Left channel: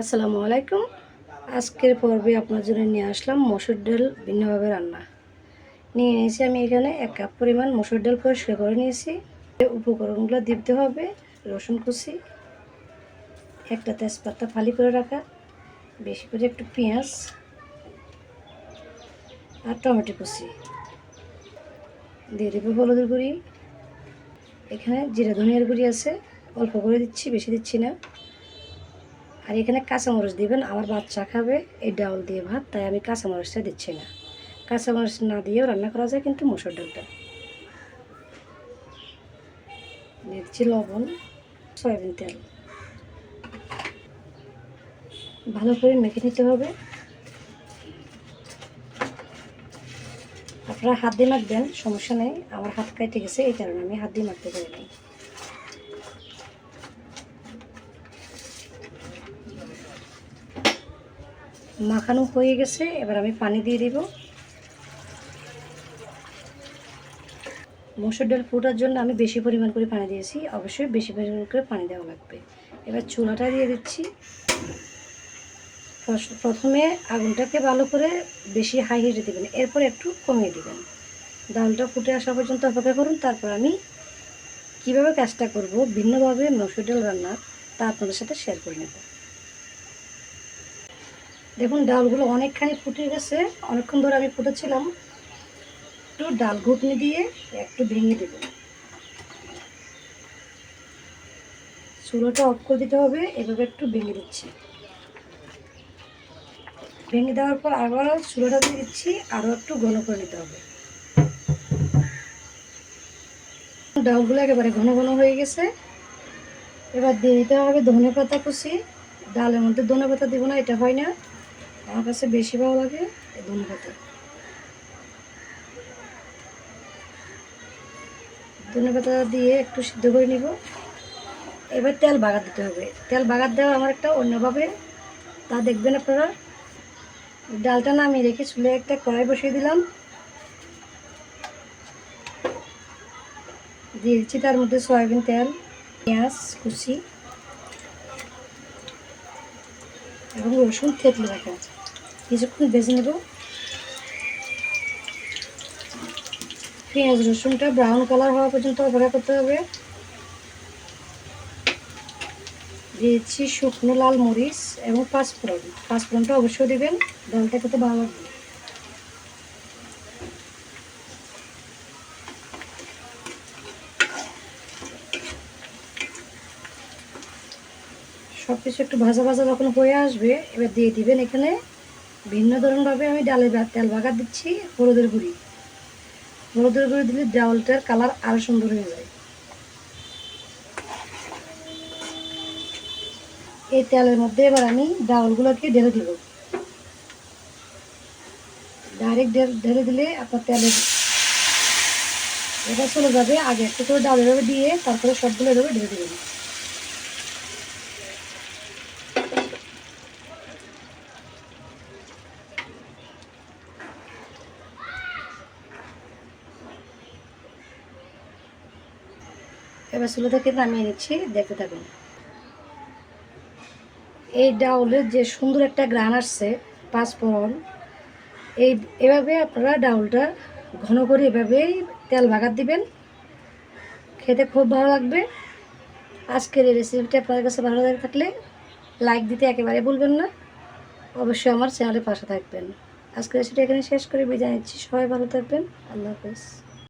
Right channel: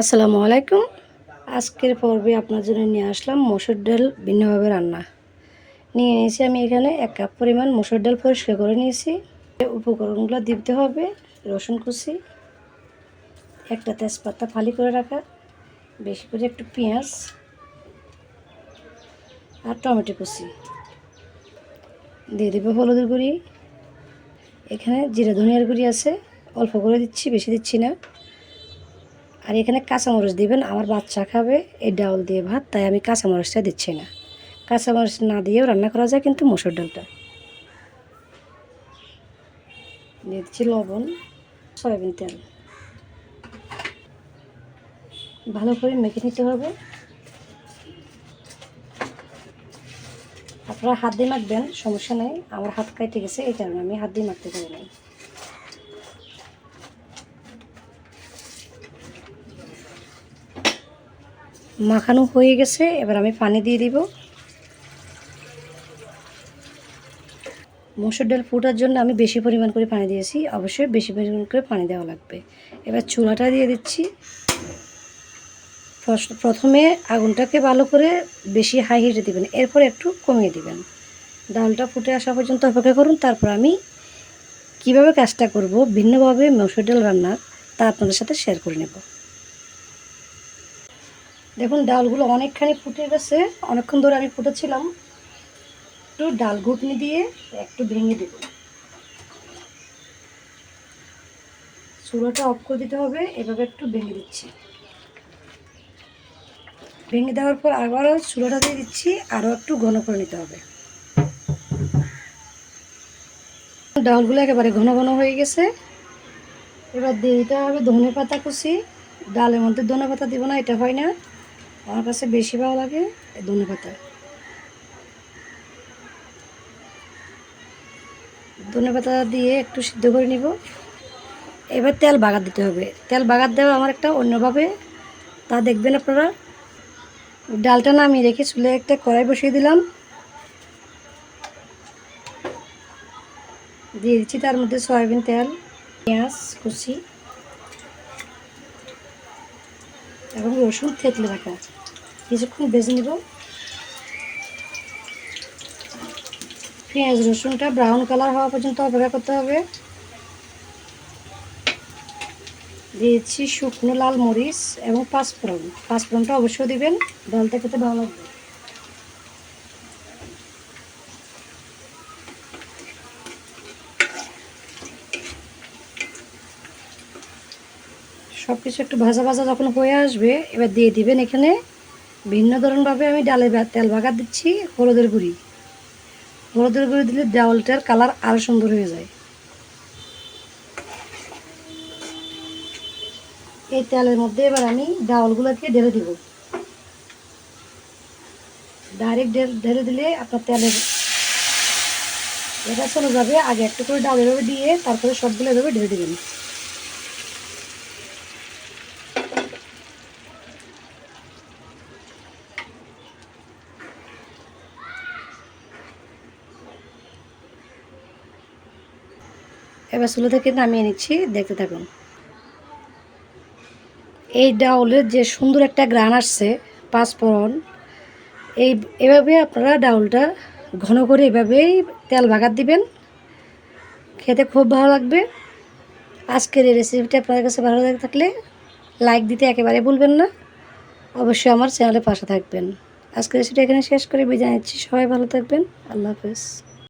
আসসালামু আলাইকুম। আজকের পর্বে আপনার জন্য নিয়ে আসলাম মসুর ডাল ভিন্নভাবে রান্না। নিয়ে নিয়েছি আমি এখানে এক কাপ পরিমাণ মসুর ডাল পরিষ্কার করে নিয়েছি। উপকরণগুলো দিতে হবে রসুন কুচি, একটা তেজপাতা ফালি করে রাখা, বেশি করে একটু পেঁয়াজ আর টমেটো কুচি। দিয়ে দেবো হলুদের গুঁড়ি। এখানে জিরা ধনিয়ার গুঁড়ি আছে, অল্প করে দিচ্ছি, বেশি দিচ্ছি না। আর এখানে কাঁচামরিচ দিবেন। আমার বাচ্চা খাবে, এই ডাউল দিয়ে ভাত, তাই আমি কাঁচামরিচটা দিচ্ছি না। কাঁচামরিচ না দিয়েও রান্না করা যায় কিন্তু মুসুর ডালটা। দিচ্ছি লবণ, সয়াবিন তেল। ভালো করে মেখে নিতে হবে। আপনারা হাত দিয়ে মাখবেন, সমস্যা নেই। আমার হাত কেটে গেছে, এই কারণে আমি হাত দিয়ে মাখতে পারি নাই। মাখানো হয়ে গেছে, এবার আমি পানি দিয়ে দিব। মসুর ডাল ফুটার জন্য আমি বেশি পরিমাণ করে পানি দিয়েছি, অবশ্যই বেশি পরিমাণ করে পানি দেওয়া লাগবে। এবার চুলাটা দিয়ে দিচ্ছি। প্রথমে আগুনটাকে ভালো করে বেশি হাই হিটে দেবেন, এরপর একটু কমিয়ে দিবেন। ডালটা ফুটে আসা পর্যন্ত অপেক্ষা করুন, তারপর আমি কীভাবে কাজটা করব, ভিন্নভাবে মসুর ডাল রান্নার তা আপনাদের সাথে শেয়ার করে নেব। দেখুন, ডালগুলো অনেকখানি ফুটে গেছে। অনেকক্ষণ ধরে আমি ফুটেছিলাম। একটু ডাল ঘুটনি দিয়ে একটু ভেঙে দেব। চুলোটা অফ করে দিতে হবে, এভাবে একটু ভেঙে দিচ্ছি। ভেঙে দেওয়ার পর আবারও চুলোটা দিয়ে দিচ্ছি, আরও একটু ঘন করে নিতে হবে। ডালগুলো একেবারে ঘন ঘন হয়ে গেছে। এবার দিয়ে দিতে হবে ধনে পাতা কুচি। ডালের মধ্যে ধনে পাতা দিব না, এটা হয় না। আমার কাছে বেশি ভালো লাগে ধনে পাতা। ধনে পাতা দিয়ে একটু সিদ্ধ করে নিব। এবার তেল বাগার দিতে হবে। তেল বাগার দেওয়া আমার একটা অন্যভাবে। তা দেখবেন আপনারা। ডালটা নামিয়ে রেখে চুলে একটা কড়াই বসিয়ে দিলাম। দিয়ে দিচ্ছি তার মধ্যে সয়াবিন তেল, পেঁয়াজ, কুচি। এবং রসুন থেতলে রাখা কিছুক্ষণ ভেজে নেব। পেঁয়াজ, রসুনটা ব্রাউন কালার হওয়া পর্যন্ত অপেক্ষা করতে হবে। দিয়েছি শুকনো লাল মরিচ এবং পাঁচফোড়ন। পাঁচফোড়নটা অবশ্যই দিবেন, ডালটা খেতে ভালো লাগবে। সব কিছু একটু ভাজা ভাজা যখন হয়ে আসবে, এবার দিয়ে দিবেন এখানে ভিন্ন ধরনভাবে আমি ডালে তেল বাগার দিচ্ছি, হলুদের গুঁড়ি। হলুদের গুঁড়ি দিলে ডাউলটার কালার আরও সুন্দর হয়ে যায়। এই তেলের মধ্যে এবার আমি ডাউলগুলোকে ঢেলে দিব। ডাইরেক্ট ঢেলে দিলে আপনার তেলের এটা চলে যাবে। আগে একটু করে ডাল এভাবে দিয়ে তারপরে সবগুলো এভাবে ঢেলে দেবেন। এবার চুলো থেকে নামিয়ে নিচ্ছি, দেখতে থাকুন। এই ডাউলের যে সুন্দর একটা গ্রান আসছে পাঁচফোড়ন এই, এভাবে আপনারা ডাউলটা ঘন করে এভাবেই তেল ভাগাত দিবেন। খেতে খুব ভালো লাগবে। আজকের এই রেসিপিটা আপনাদের কাছে ভালো লাগে থাকলে লাইক দিতে একেবারে ভুলবেন না। অবশ্যই আমার চ্যানেলে পাশে থাকবেন। আজকের রেসিপিটা এখানে শেষ করে বিদায় নিচ্ছি। সবাই ভালো থাকবেন। আল্লাহ হাফেজ।